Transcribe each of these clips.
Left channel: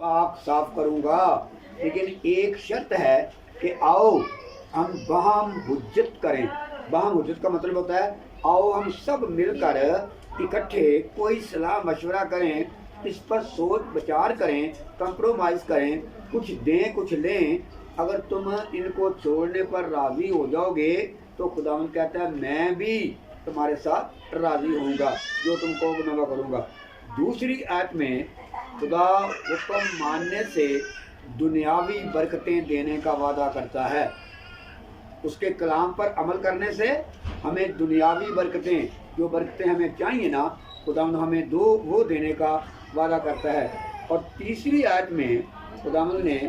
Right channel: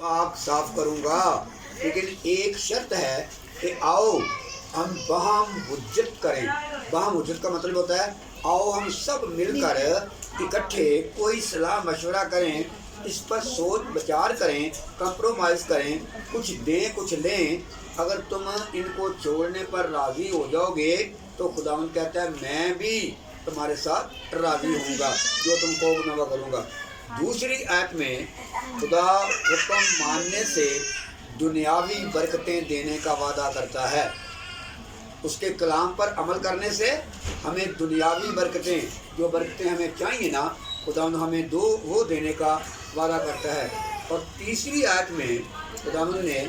पाक साफ करूँगा, लेकिन एक शर्त है कि आओ हम बहम हुज्जत करें। बहम हुज्जत का मतलब होता है आओ हम सब मिलकर इकट्ठे कोई सलाह मशवरा करें, इस पर सोच विचार करें, कंप्रोमाइज़ करें, कुछ दें कुछ लें। अगर तुम इनको छोड़ने पर राज़ी हो जाओगे तो खुदावंद कहता है मैं भी तुम्हारे साथ राज़ी होऊंगा, जो तुम कहोगे मैं वो करूँगा। दूसरी आयत में खुदा हुक्म मानने से दुनियावी बरकतें देने का वादा करता है। उसके कलाम पर अमल करने से हमें दुनियावी बरकतें, जो बरकतें हमें चाहिए ना, खुदावंद हमें वो देने का वादा करता है। और तीसरी आयत में खुदावंद ने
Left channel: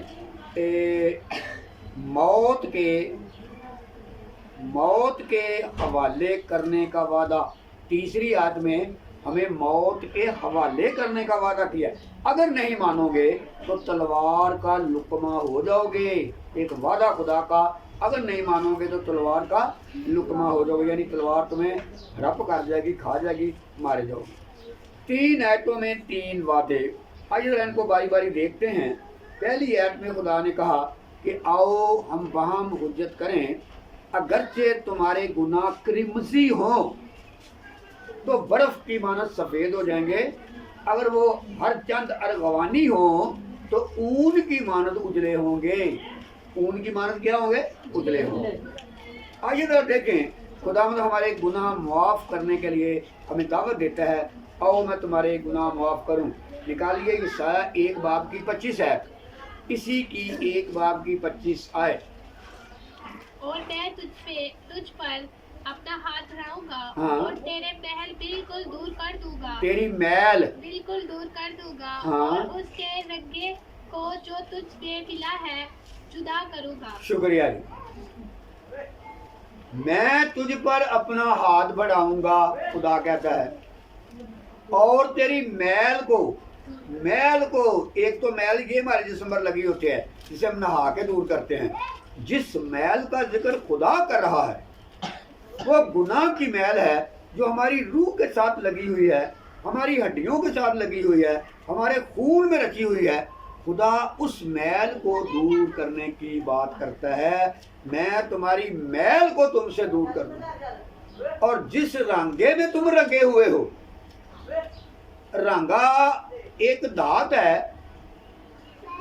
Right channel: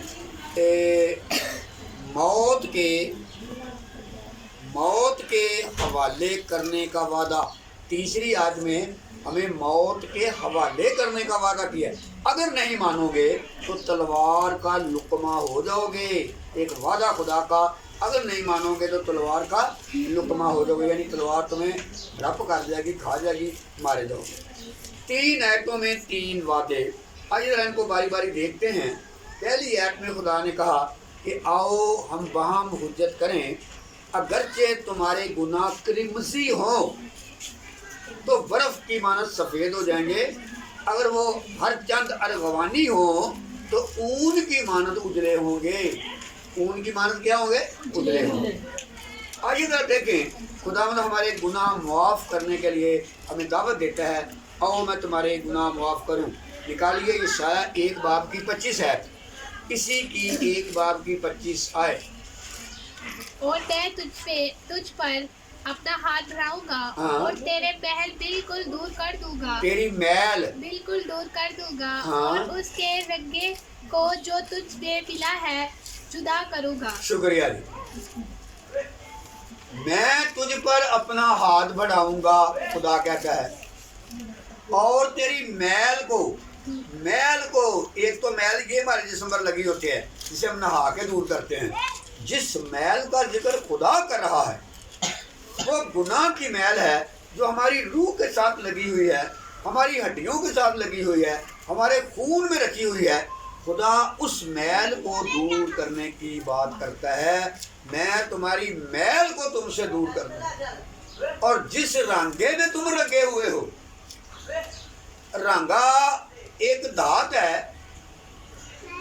मौत के हवाले करने का वादा, तीसरी आयत में हमें मौत के हवाले करने का वादा किया। अगर नहीं मानोगे तो तलवार का लुकमा हो जाओगे। एक वादा खुदा का, अगर नहीं मानोगे तो तलवार का लुकमा हो जाओगे, यानी तलवार तुम्हें रप कर जाएगी, खा जाएगी, मारे जाओगे। 3 आयतों में 3 वादे। आइए जरा इनको बारी बारी देखते हैं। पहली आयत में खुदा ने कहा कि आओ हम बहम हुज्जत करें, अगरचे तुम्हारे गुनाह क्रिमसी हों तो बर्फ़ की मानत सफ़ेद हो जाएंगे, अगर वो हर चंद अरगवानी हो तो ऊन की मानत उजले होंगे। ऊन की मानत क्या होंगे? उजले होंगे। आइए जरा देखें, खुदावंद हमारे गुनाह मुआफ़ करने के लिए हमें दावत देता है, आओ मैं तुम्हारे गुनाह मुआफ़ करूं। निकालिए यशाया 1 बाब की 25 आयत, इसी की 1 बाब की 25 आयत। और मैं तुझ पर अपना हाथ बढ़ाऊंगा, हाँ। और तेरे महल बिल्कुल दूर कर दूंगा, तेरी मैल बिल्कुल दूर कर दूंगा, हाँ। और उसके रंगे को जो तुझ में मिला है जुदा करूंगा। शुक्रिया जी। मैं तुझ पर अपना हाथ बढ़ाऊंगा, खुदा कहता है, और तेरी मैल को, एक तो मैल ये हमारे जिस्म पर लगी होती है जिसे हम नहा के दूर करते हैं। जिस मैल का जिक्र खुदा कर रहा है वो गुनाह की मैल है, जो हमारी रूह के साथ लगी हुई है, हमारी हड्डियों के साथ लगी हुई है, हमारे खून में रची हुई है। खुदा उस मैल को दूर करने की बात करता है, मैं तुम्हारी मैल को तुमसे दूर कर दूँ। और जिस रंगे में तुम रंगे हुए हो, रंगा एक धात है।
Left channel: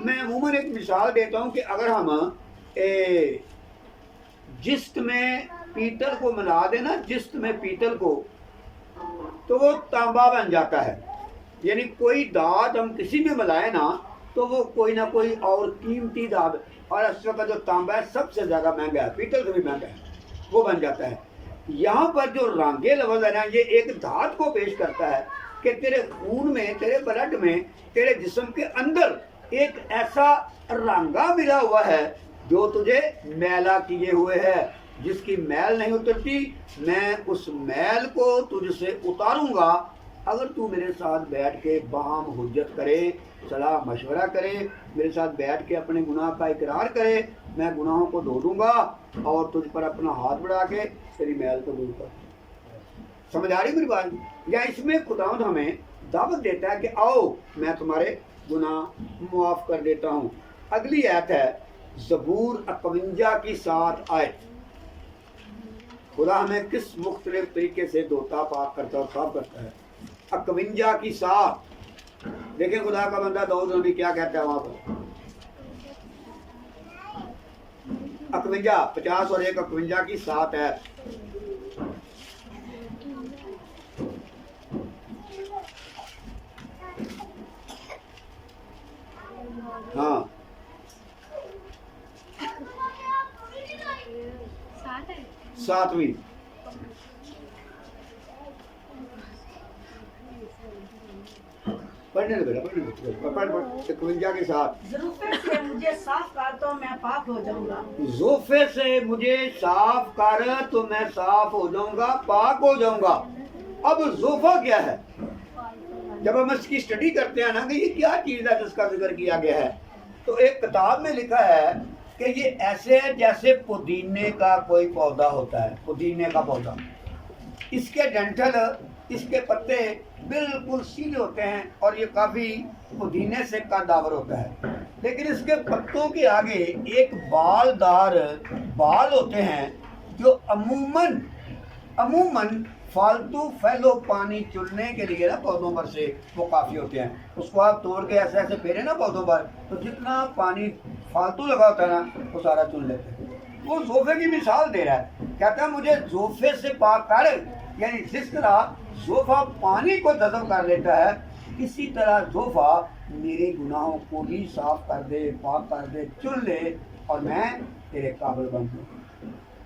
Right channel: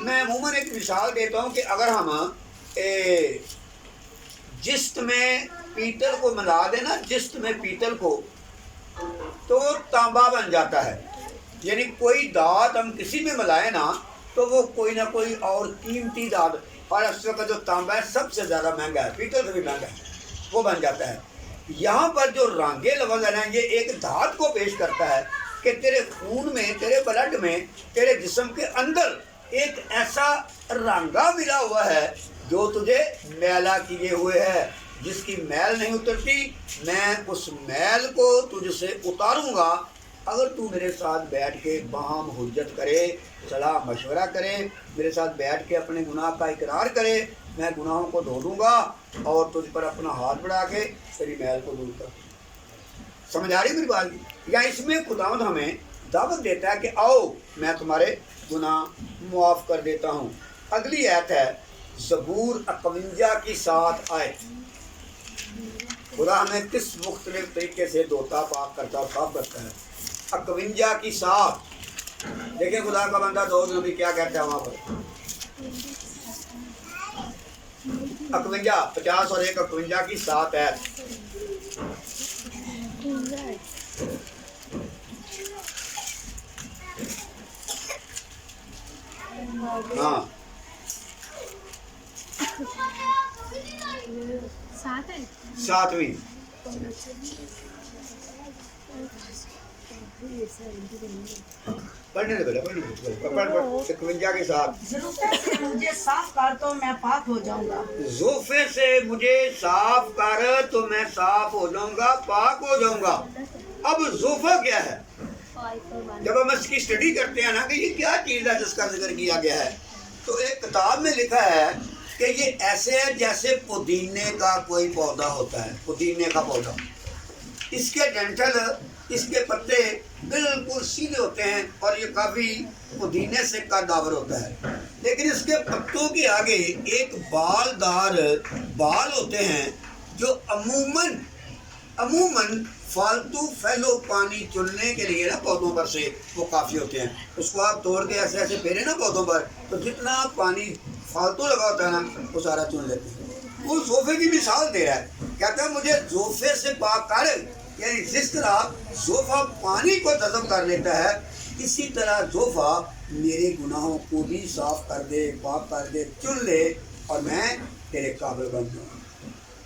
मैं अमूमन एक मिसाल देता हूँ कि अगर हम जिस्त में पीतल को मिला देना, जिस्त में पीतल को, तो वो तांबा बन जाता है। यानी कोई दाद हम किसी में मिलाए ना तो वो कोई ना कोई और कीमती दाद, और इस वक्त जो तांबा है सबसे ज़्यादा महंगा है, पीतल से भी महंगा है, वो बन जाता है। यहाँ पर जो रांगे लफ्ज़ है ना, ये एक धात को पेश करता है कि तेरे खून में, तेरे ब्लड में, तेरे जिस्म के अंदर एक ऐसा रांगा मिला हुआ है जो तुझे मैला किए हुए है। जिसकी मैल नहीं उतरती, मैं उस मैल को तुझसे उतारूंगा अगर तू मेरे साथ बैठ के बहम हुज्जत करे, सलाह मशवरा करे, मेरे साथ बैठ के अपने गुनाह का इकरार करे। मैं गुनाहों को धो दूंगा और तुझ पर अपना हाथ बढ़ा के तेरी मैल को दूर कर। समझ आ रही मेरी बात? या इसमें खुदावंद हमें दावत देता है कि आओ मैं तुम्हारे गुनाह मुआफ़ कर देता हूँ। अगली आयत है ज़बूर 51 की 7 आयत। खुदा हमें किस मुख्तलिफ तरीके से धोता, पाक करता और साफ करता है। 51 की 7 देखें खुदा का बंदा दाऊद नबी क्या कहता है वहाँ पर। 51, 50 और 1, 51 की 7 है। हाँ 7वीं पढ़ने दो बेटा, पढ़ 51 के 7। ज़ुल्फ़े से मुझे साफ कर तो मैं पाक हो जाऊंगा। ज़ुल्फ़े से मुझे साफ कर तो मैं साफ हो जाऊंगा, पाक हो जाऊंगा। अब ज़ुल्फ़ा क्या है? जब हम इसकी स्टडी करते हैं ना कि ये क्या चीज़ है जिसका जिक्र किया गया है, तो एक किताब में लिखा है कि ये ऐसे है जैसे पुदीने का कोई पौधा होता है, पुदीने का पौधा। इसके डंठल اس کے پتے بالکل سیدھے ہوتے ہیں اور یہ کافی پودینے سے کا داور ہوتا ہے، لیکن اس کے پتوں کے آگے ایک بالدار بال ہوتے ہیں جو عموماً فالتو پھیلو پانی چننے کے لیے نا پودوں پر سے وہ کافی ہوتے ہیں. اس کو آپ توڑ کے ایسے ایسے پھیرے نا پودوں پر تو جتنا پانی فالتو لگا ہوتا ہے نا وہ سارا چن لیتے ہیں. وہ زوفے کی مثال دے رہا ہے، کہتا ہے مجھے زوفے سے پاک کر، یعنی جس طرح زوفہ پانی کو جذب کر لیتا ہے اسی طرح زوفہ میرے گناہوں کو بھی صاف کر دے، پاک کر دے، چن لے اور میں تیرے قابل بن جاؤں.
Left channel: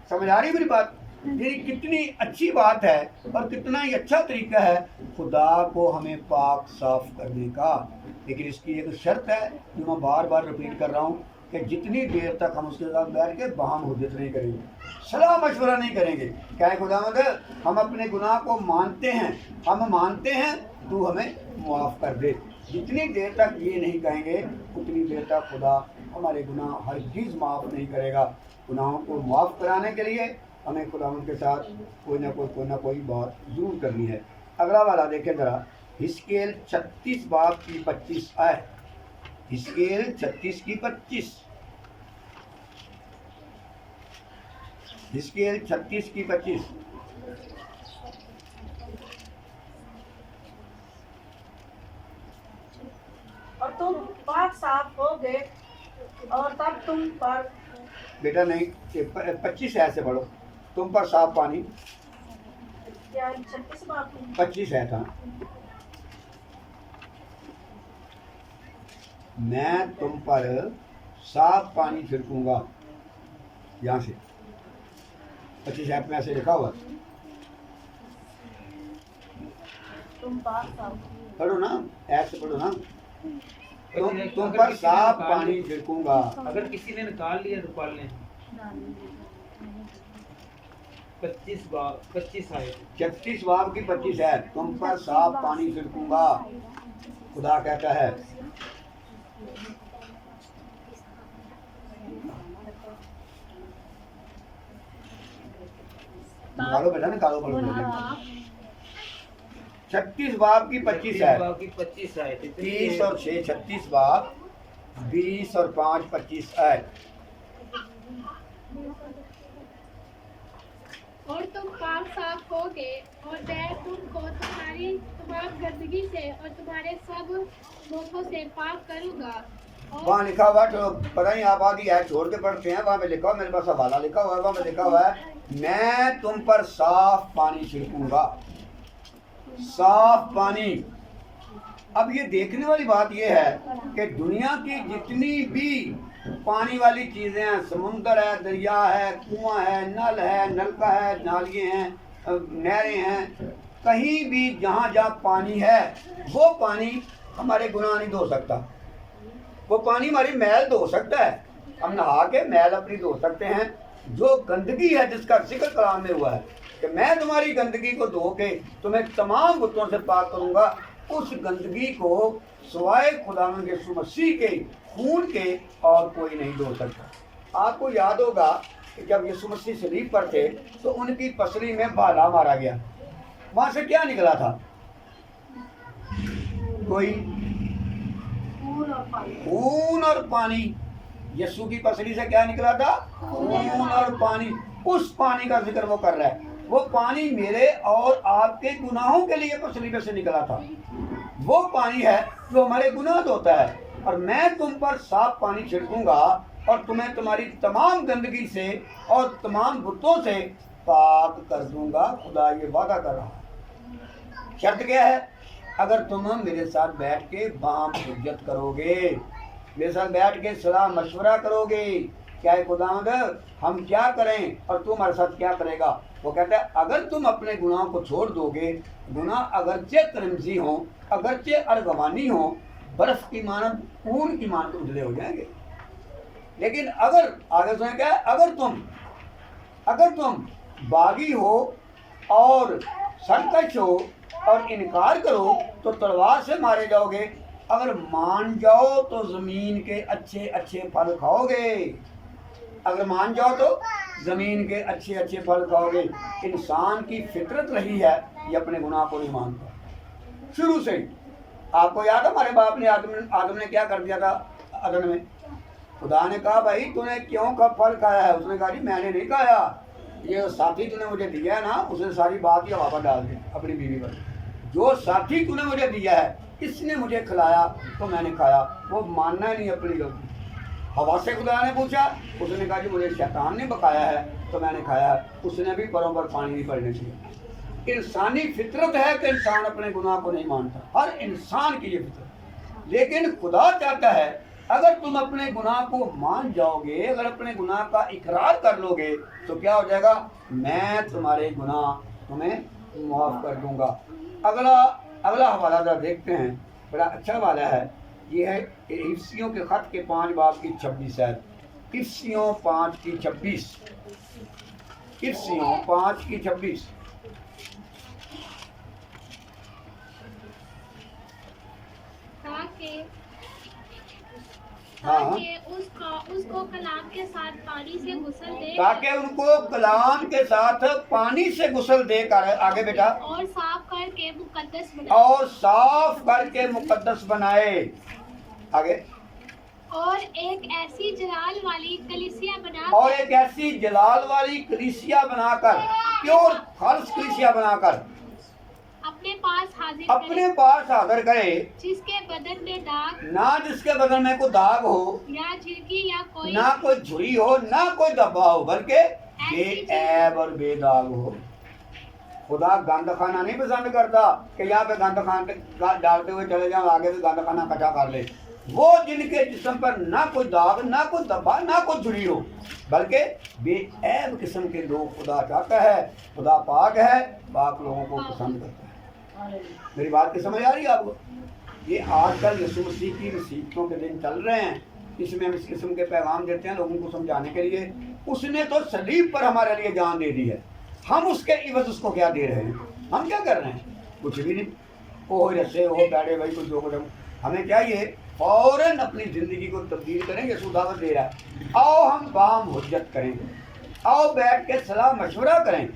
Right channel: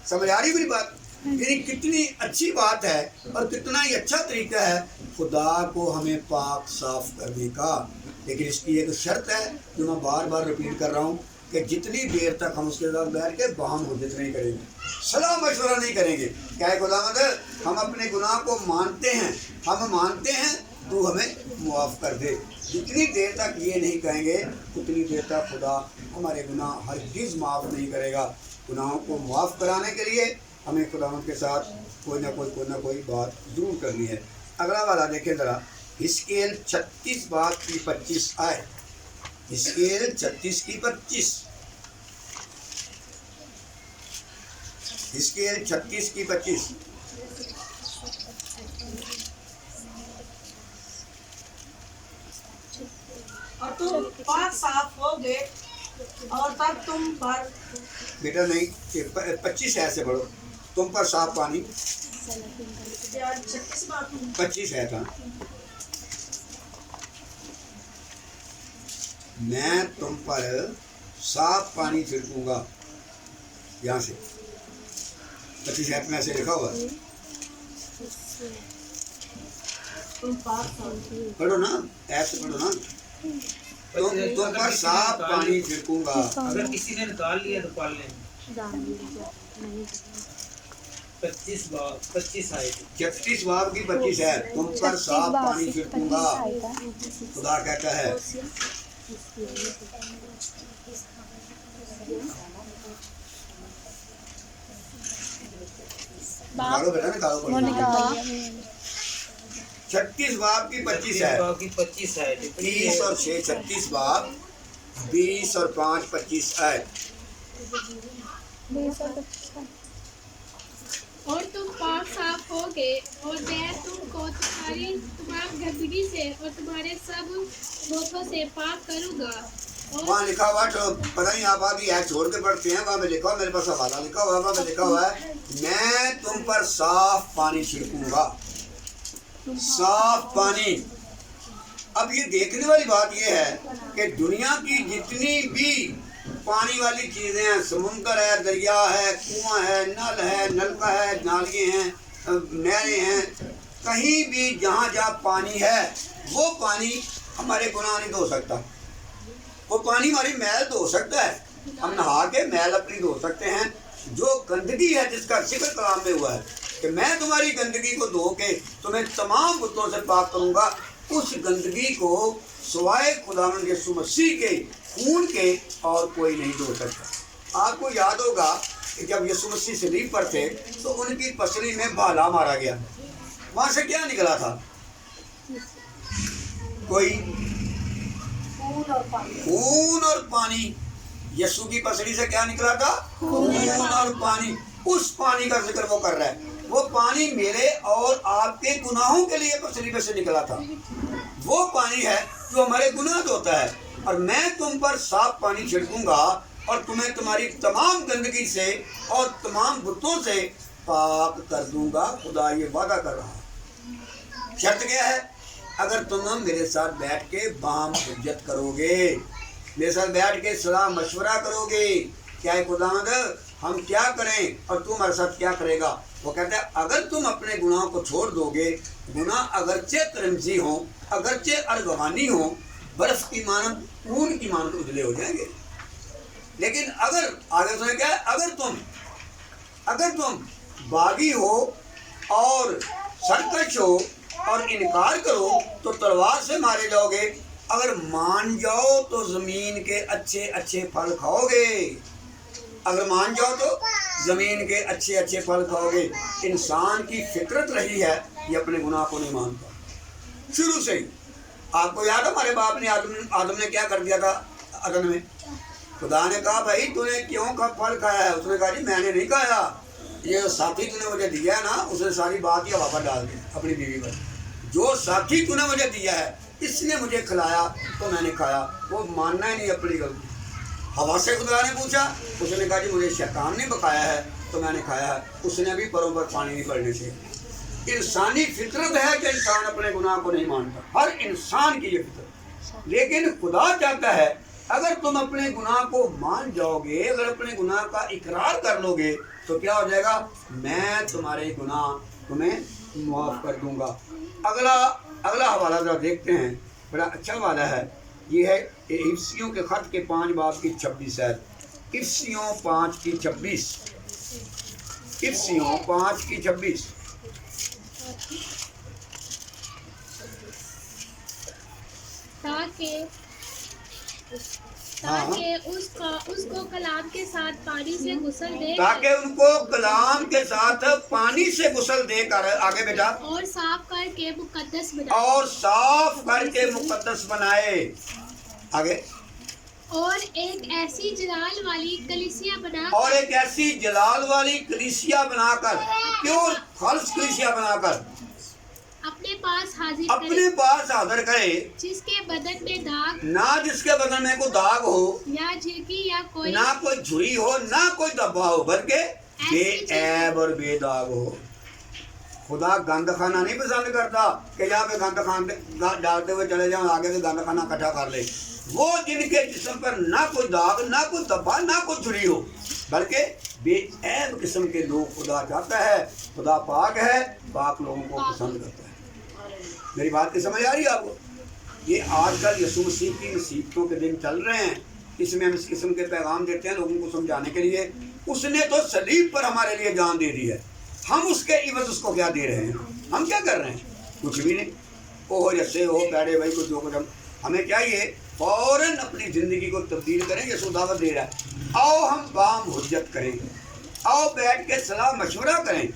سمجھ آ رہی میری بات؟ یعنی کتنی اچھی بات ہے اور کتنا ہی اچھا طریقہ ہے خدا کو ہمیں پاک صاف کرنے کا. لیکن اس کی ایک شرط ہے جو میں بار بار رپیٹ کر رہا ہوں کہ جتنی دیر تک ہم اس کے ساتھ بیٹھ کے باہم حجت نہیں کریں گے، صلاح مشورہ نہیں کریں گے کہ اے خداوند ہم اپنے گناہ کو مانتے ہیں، ہم مانتے ہیں تو ہمیں معاف کر دے، جتنی دیر تک یہ نہیں کہیں گے اتنی دیر تک خدا ہمارے گناہ ہرگز معاف نہیں کرے گا. گناہوں کو معاف کرانے کے لیے ہمیں خداوند کے ساتھ کوئی نہ کوئی بات ضرور کرنی ہے. اگلا والا دیکھیں ذرا، حزقیل 36 باب کی 25 آیت. حزقیل 36 کی 25. حزقیل 36 کی 25. اور تم پاک صاف ہوگے اور تب تم پر بیٹا نہیں، 25 ایسے پڑھو، تم پر صاف پانی. 36 بات 25 ہے تھا. میں تم پر صاف پانی چھڑکوں گا. یہاں سے 25 ایپ میں ایسے لکھا ہوا ہے، تم پاک صاف پڑھو نا، ایپ سے پڑھو نا. تم پر صاف پانی چھڑکوں گا. اگر کسی نے نکال لیا تو پال لیں. 25 آئے. 36 باب کی 25 ہے، تم پر صاف پانی چھڑکوں گا خدا کہتا ہے. نکالو بیٹا، نکالو. 36 باب کی 25 ہے، 25 آئے. 30 اور 6 36 باب 20 اور 5 25 آیت. اور تم پاک صاف ہوگے اور میں تم کو تمہاری تمام گندگی سے اور تمہارے سب بتوں سے پاک کروں گا. وہاں لکھا ہوا جو پتہ نہیں آپ آگے ایت چھوڑ کے پڑھتے ہیں، وہاں پہ لکھا ہوا، میرے پاس حوالہ لکھا ہوا ہے، وہاں پہ لکھا ہوا ہے میں تم پر صاف پانی چھڑکوں گا. صاف پانی. اب یہ دیکھنے والی بات یہ ہے کہ دنیا کی جتنی بھی پانی والی چیزیں ہیں، سمندر ہے، دریا ہے، کنواں ہے، نل ہے، نلکا ہے، نالیاں ہیں، نہریں ہیں، کہیں بھی جہاں پانی ہے وہ پانی ہمارے گناہ نہیں دھو سکتا. وہ پانی ہماری میل دھو سکتا ہے، ہم نہا کے میل اپنی دھو سکتے ہیں. جو گندگی ہے جس کا ذکر کلام میں ہوا ہے کہ میں تمہاری گندگی کو دھو کے تمہیں تمام بتوں سے پاک کروں گا، اس گندگی کو سوائے خداوند یسوع مسیح کے خون کے اور کوئی نہیں دھو سکتا. آپ کو یاد ہوگا کہ جب یسوع مسیح صلیب پر تھے تو ان کی پسلی میں بھالا مارا گیا. وہاں سے کیا نکلا تھا؟ کوئی خون اور پانی. یسوع کی پسلی سے کیا نکلا تھا؟ خون اور پانی. اس پانی کا ذکر وہ کر رہا ہے. وہ پانی میرے اور آپ کے گناہوں کے لیے پسلی میں سے نکلا تھا. وہ پانی ہے جو ہمارے گناہ دھوتا ہے. اور میں تم پر صاف پانی چھڑکوں گا اور تمہیں تمہاری تمام گندگی سے اور تمام بتوں سے پاک کر دوں گا. خدا یہ وعدہ کر رہا. شرط کیا ہے؟ اگر تم میرے ساتھ بیٹھ کے باہم حجت کرو گے، میرے ساتھ بیٹھ کے صلاح مشورہ کرو گے کیا ہے خداوند ہم کیا کریں اور تم ہمارے ساتھ کیا کرے گا. وہ کہتا ہے اگر تم اپنے گناہ کو چھوڑ دو گے، گناہ اگرچہ کرمزی ہوں، اگرچہ ارغوانی ہوں، برف کی مانند، خون کی مانند اجلے ہو جائیں گے. لیکن اگر آگے سنیں کیا ہے، اگر تم باغی ہو اور سرکش ہو اور انکار کرو تو تلوار سے مارے جاؤ گے. اگر مان جاؤ تو زمین کے اچھے اچھے پھل کھاؤ گے. اگر مان جاؤ تو زمین کے اچھے اچھے پھل کھاؤ گے. انسان کی فطرت رہی ہے یہ اپنے گناہ کو نہیں مانتا شروع سے ہی. آپ کو یاد ہے ہمارے باپ نے آدم نے کیا کر دیا تھا عدن میں؟ خدا نے کہا بھائی تو نے کیوں پھل کھایا ہے؟ اس نے کہا جی میں نے نہیں کھایا، یہ ساتھی تو نے مجھے دیا ہے نا، اس نے ساری بات ہی واپس ڈال دی اپنی بیوی پر. جو ساتھی تو نے مجھے دیا ہے اس نے مجھے کھلایا تو میں نے کھایا. وہ ماننا ہی نہیں اپنی غلطی. ہوا سے خدا نے پوچھا، اس نے کہا جی مجھے شیطان نے بکایا ہے تو میں نے کھایا ہے. اس نے بھی پروں پر پانی نہیں پڑنے چاہیے. انسانی فطرت ہے کہ انسان اپنے گناہ کو نہیں مانتا، ہر انسان کی یہ فطرت. لیکن خدا چاہتا ہے اگر تم اپنے گناہ کو مان جاؤ گے، اگر اپنے گناہ کا اقرار کر لو گے تو کیا ہو جائے گا؟ میں تمہارے گناہ تمہیں معاف کر دوں گا. اگلا حوالہ ذرا دیکھتے ہیں، بڑا اچھا حوالہ ہے. یہ ہے افسیوں کے خط کے 5 باب کی 26 ہے. افسیوں 5 کی 26. افسیوں 5 کی 26. تاکہ اس کو کلام کے ساتھ پانی سے غسل دے، تاکہ ان کو کلام کے ساتھ پانی سے غسل دے کر، آگے بیٹا، اور صاف کر کے مقدس بنائے. آگے، اور ایک ایسی جلال والی کلیسیا بنا کر پیور خالص کلیسیا بنا کر اپنے پاس حاضر کرے، جس کے بدن میں داغ نہ جس کے بدن میں کوئی داغ ہو، یا جھرکی یا کوئی نہ کوئی جھری ہو، نہ کوئی دبا ہو، بلکہ بے عیب اور بے داغ ہو. خدا گند خانہ نہیں پسند کرتا کہ یہاں پہ گند خانہ ڈالتے ہوئے چلے جاؤں، آگے سے گند خانہ اکٹھا کر لے. وہ جن کے جسم پر نہ کوئی داغ، نہ کوئی دبا، نہ کوئی جھری ہو، بلکہ بے عیب قسم کے لوگ خدا چاہتا ہے. خدا پاک ہے، پاک لوگوں کو پسند کرتا ہے. میری بات کی سمجھ آ رہی ہے آپ کو؟ یہ آج کل یسوع مسیح کی نصیحتوں کے دن چل رہے ہیں، اس میں ہم اس قسم کے پیغام دیتے ہیں لوگوں کو سمجھانے کے لیے. اس نے تو صلیب پر ہمارے لیے جان دے دی ہے، ہم اس کے عوض اس کو کیا دے رہے ہیں؟ ہم کیا کر رہے ہیں؟ کچھ بھی نہیں. او جیسے ہو پیڑے بھائی کچھ جو کچھ ہمیں چاہیے فوراً اپنی زندگی کو تبدیل کریں. یسوع دعوت دے رہا ہے، آؤ ہم بام حجت کریں، آؤ بیٹھ کے صلاح مشورہ کریں.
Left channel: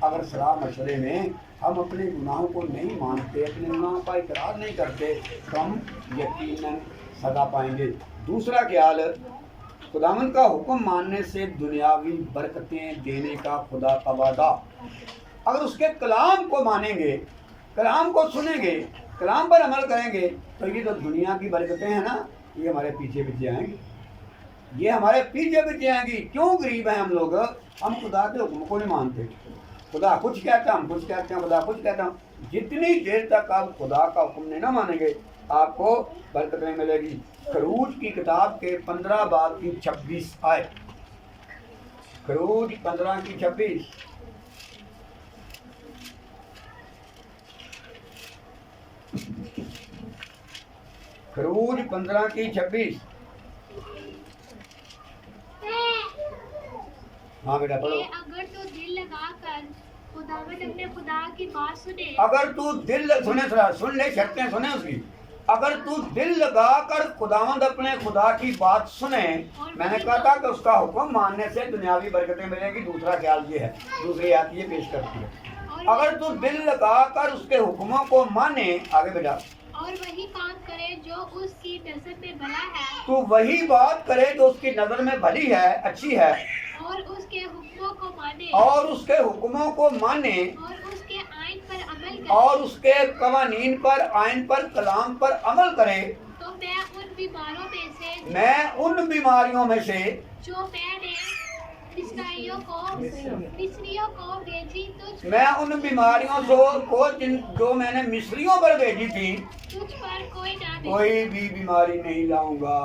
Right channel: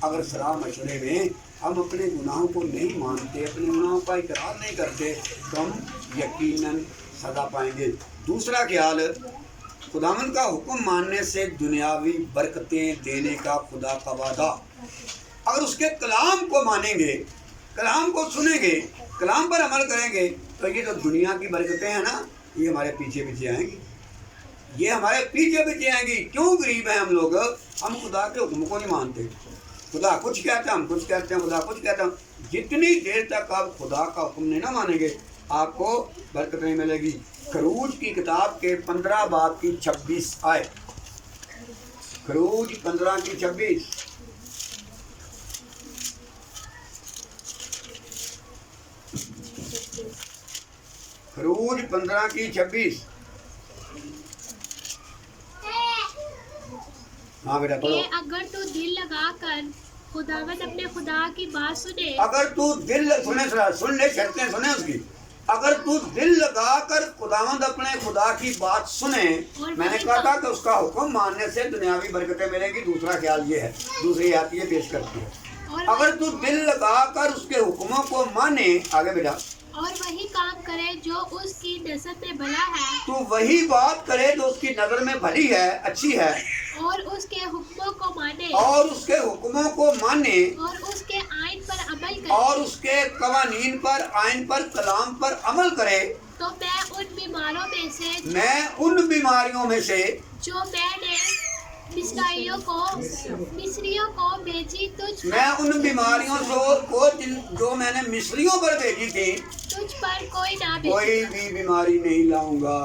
اگر صلاح مشورے میں ہم اپنے گناہوں کو نہیں مانتے، اپنے گناہوں کا اقرار نہیں کرتے تو ہم یقیناً سزا پائیں گے. دوسرا خیال، خداوند کا حکم ماننے سے دنیاوی برکتیں دینے کا خدا کا وعدہ. اگر اس کے کلام کو مانیں گے، کلام کو سنیں گے، کلام پر عمل کریں گے تو یہ جو دنیا کی برکتیں ہیں نا، یہ ہمارے پیچھے پیچھے آئیں گی. یہ ہمارے پیچھے پیچھے آئیں گی. کیوں غریب ہیں ہم لوگ؟ ہم خدا کے حکم کو نہیں مانتے. خدا کچھ کہتا ہے ہم کچھ کہتے ہیں، خدا کچھ کہتا ہے. جتنی دیر تک آپ خدا کا حکم نہیں نہ مانیں گے آپ کو برکت نہیں ملے گی. خروج کی کتاب کے 15 باب کی 26 آئے. خروج 15 کی 26. خروج 15 کی 26. ہاں بیٹا پڑھو. اگر تو دل لگا کر خداوند اپنے خدا کی بات سنے، اگر تو دل سننے شرطیں سنیں اس کی. اگر تو دل لگا کر خداوند اپنے خدا کی بات سنے، میں نے کہا تھا کہ اس کا حکم ماننے سے دنیاوی برکتیں ملیں گی. دوسرا خیال یہ ہے، دوسری آیت یہ پیش کرتی ہے، اگر تو دل لگا کر اس کے حکموں کو مانے. آگے بیٹا، اور وہی کام کرے جو اس کی نظر میں بھلا ہے، تو وہی بات کرے جو اس کی نظر میں بھلی ہے، اچھی ہے، اور اس کے حکموں کو مانے، اور اس کے حکموں کو مانے، اور اس کے آئین پر عمل کرے، اور اس کے قوانین پر، آئین پر، کلام پر عمل کرے، تو میں ان بیماریوں میں سے جو میں نے مصریوں کو بھیجی میں ان بیماریوں کو جو میں نے مصریوں پر بھیجی تھی، تجھ پر کوئی بھی بیماری نہیں لاؤں گا.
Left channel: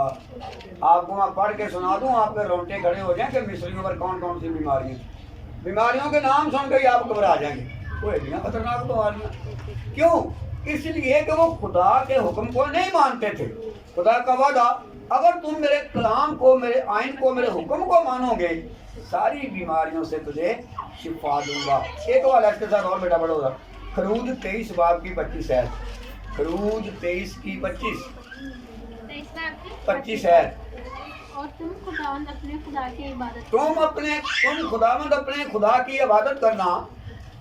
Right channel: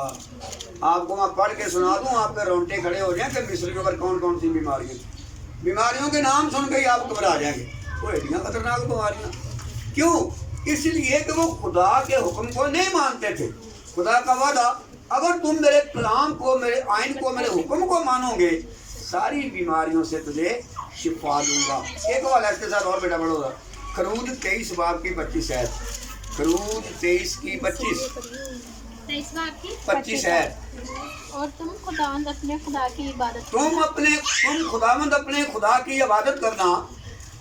آپ کو میں پڑھ کے سنا دوں، آپ کے رونٹے کھڑے ہو جائیں کہ مصریوں پر کون کون سی بیماریاں. بیماریوں کے نام سن کے ہی آپ گھبرا جائیں گے. وہ ایڈیاں خطرناک بیماریاں. کیوں؟ اس لیے کہ وہ خدا کے حکم کو نہیں مانتے تھے. خدا کا وعدہ، اگر تم میرے کلام کو، میرے آئین کو، میرے حکم کو مانو گے، ساری بیماریوں سے تجھے شفا دوں گا. ایک والا اس کے ساتھ اور بیٹا بڑھو گا. خروج 23 باب کی 25 ہے. خروج 23 کی 25 ہے. اور تم خداوند اپنے خدا کی عبادت تم خداوند اپنے خدا کی عبادت کرنا،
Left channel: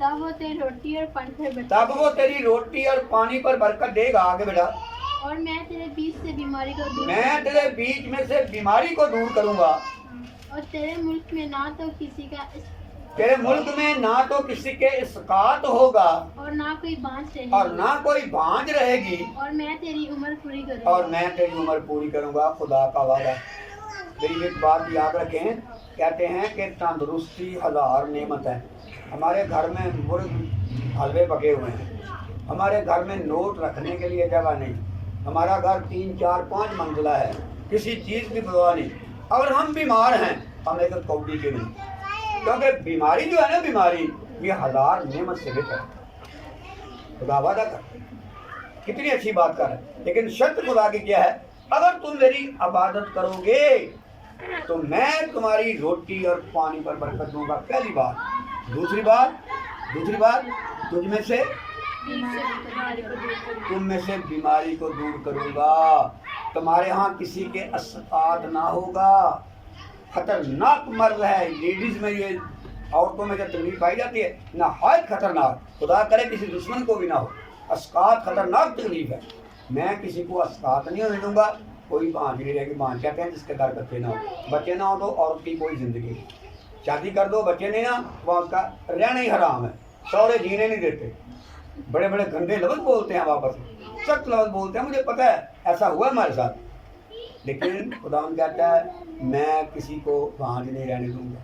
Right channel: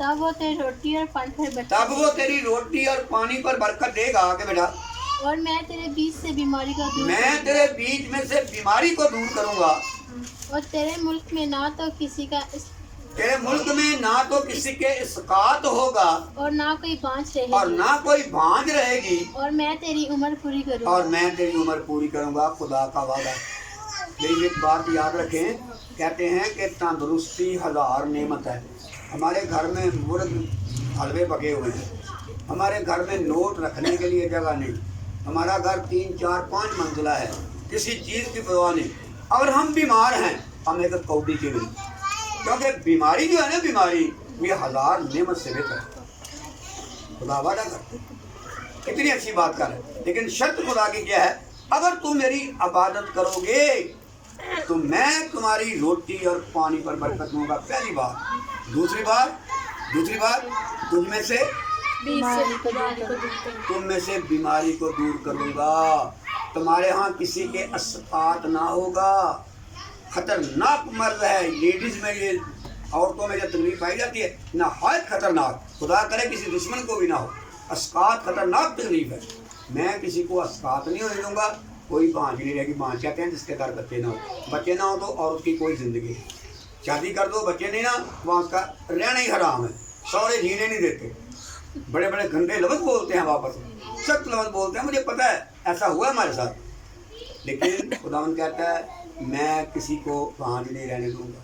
तब वो तेरी रोटी और पानी पर बरकत तब वो तेरी रोटी और पानी पर बरकत देगा। आगे बेटा, और मैं तेरे बीच से बीमारी को दूर मैं तेरे बीच में से बीमारी को दूर करूंगा। और तेरे मुल्क में ना तो किसी का तेरे मुल्क में ना तो किसी के इसकात होगा और ना कोई बांझ और रहेगी, ना कोई भांज रहेगी, और मैं तेरी उम्र पूरी करूँगा। और मैं तेरी उम्र पूरी करूंगा। खुदा का वादा। मेरी एक बात याद रखें, कहते हैं कि तंदुरुस्ती हज़ार नेमत है। हमारे घर में मुर्ग हलवे पके हुए हैं, हमारे घर में नोट रखने के लिए जगह नहीं, हमारा घर 3, 4, 5 मंजिला है, किसी चीज़ की परवाह नहीं, और हम बीमार हैं, हम एक कौड़ी के नहीं। क्योंकि बीमारी जो है ना, बीमारी ये हज़ार नेमत से बेहतर है। खुदा वादा करते, कितनी अच्छी बात कर रहे हैं। लेकिन शर्त खुदा की क्या है? अगर तुम मेरी इबादत करोगे तो मैं तुम्हारी रोटी और पानी पर बरकत दूंगा। पहली बात। दूसरी बात तुझ में से तुम में से बीमारी को दूर करूंगा। तुम्हारे यहाँ किसी के अस्कात ना होगा। खतरनाक मर्ज है लेडीज में, ये औरतों में जो तकलीफ पाई जाती है, नहायत खतरनाक। खुदा करे किसी दुश्मन को भी ना हो। अस्कात खतरनाक तकलीफ है। मैं किसी को अस्कात नहीं होने दूंगा। कोई भांज नहीं रहेगी। भांज कहते हैं जिसके घर बच्चे ना हो। बच्चे ना हो तो औरत की कोई ज़िंदगी नहीं। शादी कर दो, बच्चे नहीं ना, वहाँ उसका रहना ही हराम है। सौरे जीने नहीं देते। बड़े बड़े गंदे लफ्ज़ बोलते हैं, वापस सख्त लफ्ज़ बोलते हैं। मुझे पता है, ऐसा हुआ हमारे साथ। लेकिन खुदावंद कहता है मैं किसी को भांज नहीं रहने दूंगा।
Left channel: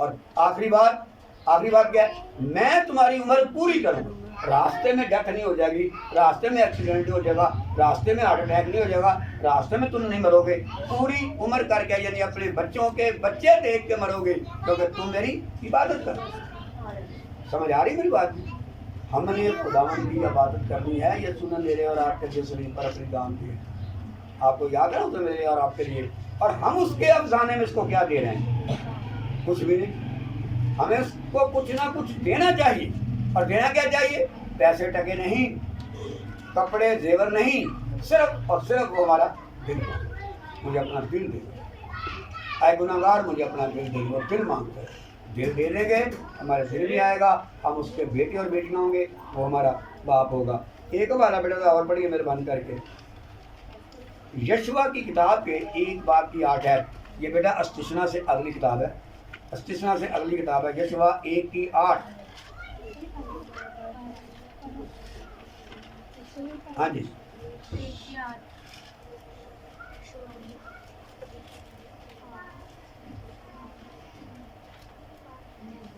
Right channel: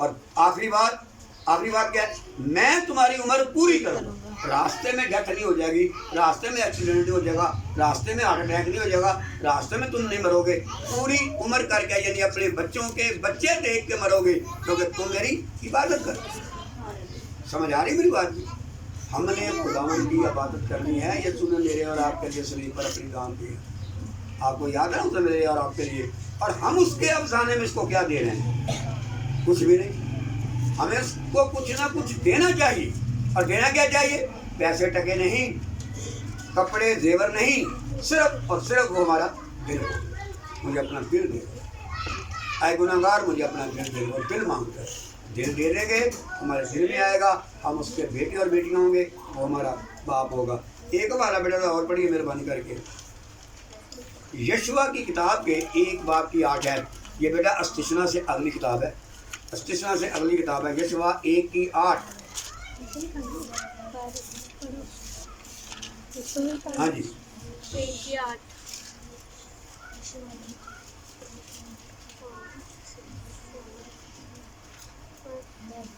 और आखिरी बात क्या है? मैं तुम्हारी उम्र पूरी करूँगा। रास्ते में डेथ नहीं हो जाएगी, रास्ते में एक्सीडेंट नहीं हो जाएगा, रास्ते में हार्ट अटैक नहीं हो जाएगा, रास्ते में तुम नहीं मरोगे। पूरी उम्र करके, यानी अपने बच्चों के बच्चे देख के मरोगे, क्योंकि तुम मेरी इबादत करो। समझ आ रही मेरी बात? हमने खुदावंद की इबादत करनी है। ये सुने मेरे और आपके लिए शरीर पर अपनी दान दी है। आपको याद है उसने मेरे और आपके लिए, और हम उसके अफसाने में इसको क्या दे रहे हैं? कुछ भी नहीं। हमें उसको कुछ ना कुछ देना चाहिए। और देना क्या चाहिए? पैसे टके नहीं, कपड़े जेवर नहीं, सिर्फ और सिर्फ वो हमारा दिल। मुझे अपना दिल दे, आए गुनाहगार मुझे अपना दिल दे। और दिल मांगते हैं, दिल दे देंगे, हमारे दिल में आएगा, हम उसके बेटे और बेटियाँ होंगे, वो हमारा बाप होगा। एक वाला बेटा और पढ़िए मेहरबानी करके, यशवा की किताब के 1 बाब की 8 है। ये बेटा अस्तिशना से अगली किताब है, अस्तिशना से अगली किताब है, यशवा 1 की 8। हाँ जी,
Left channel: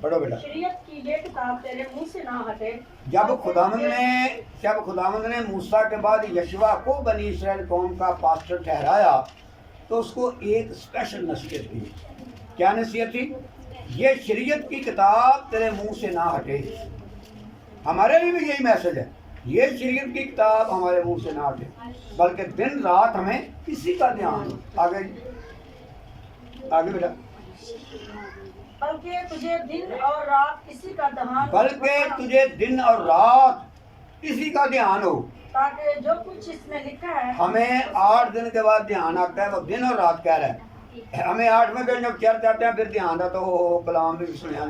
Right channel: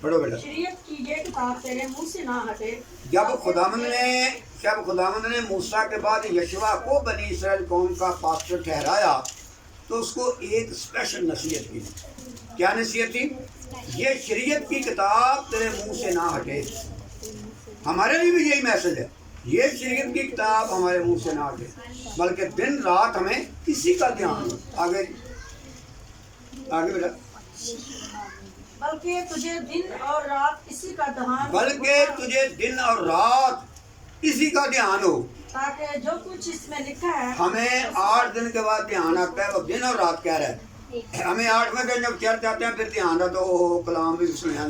पढ़ो बेटा। शरीयत की ये किताब तेरे मुंह से ना हटे। जब खुदावंद ने मूसा के बाद यशवा को बनी इसराइल कौम का पास्टर ठहराया, तो उसको एक स्पेशल नसीहत की। क्या नसीहत थी? ये शरीयत की किताब तेरे मुंह से ना हटे। हमारे लिए भी यही मैसेज है, ये शरीयत की किताब हमारे मुंह से ना हटे, बल्कि दिन रात हमें इसी का ध्यान। आगे बेटा। बल्कि तुझे दिन और रात इसी का ध्यान, बल्कि तुझे दिन और रात इसी का ध्यान हो। ताकि जो कुछ इसमें लिखा है, हमें 8 दिन के बाद ध्यान आता है, वो दिन और रात कह रहा है। हमें 8वें दिन जब चर्च आते हैं फिर ध्यान आता है, तो कलाम भी सुनिया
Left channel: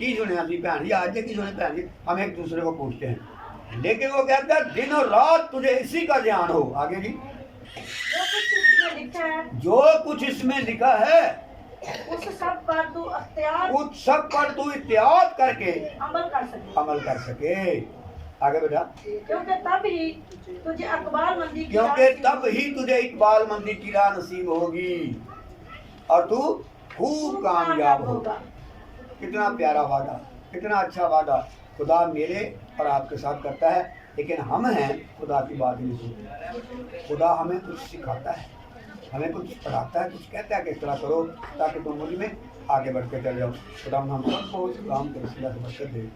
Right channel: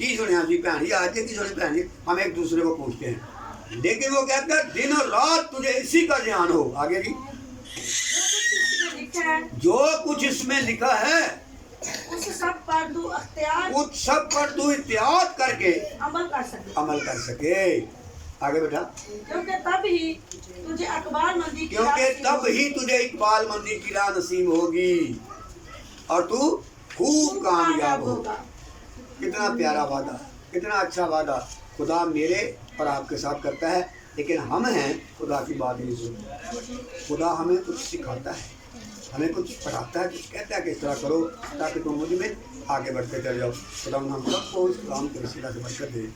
की सुनिया जी भैन जी, आज की सुने भैन जी, हम एक दूसरे को पूछते हैं। लेकिन वो कहता है दिन और रात तुझे इसी का ध्यान हो। आगे जी, जो कुछ इसमें लिखा है उस सब पर तू इत्याद करके अमल कर सके। आगे बेटा। क्योंकि तब ही तुझे इकबाल मंदी की राह नसीब होगी और तू खूब कामयाब होगा। कितना प्यारा वादा, कितना अच्छा वादा खुदा मेरे और आपके साथ करता है। लेकिन हम हैं खुदा की बात नहीं सुनते। खुदा हमें कुछ सिखाता है, हमें कुछ पढ़ाता है, कुछ कहता है कि इस तरह करो ताकि तुम मुझ में आगे बढ़ते चले जाओ। खुदा हम सबको उस काम के वसीला से बरकत दे।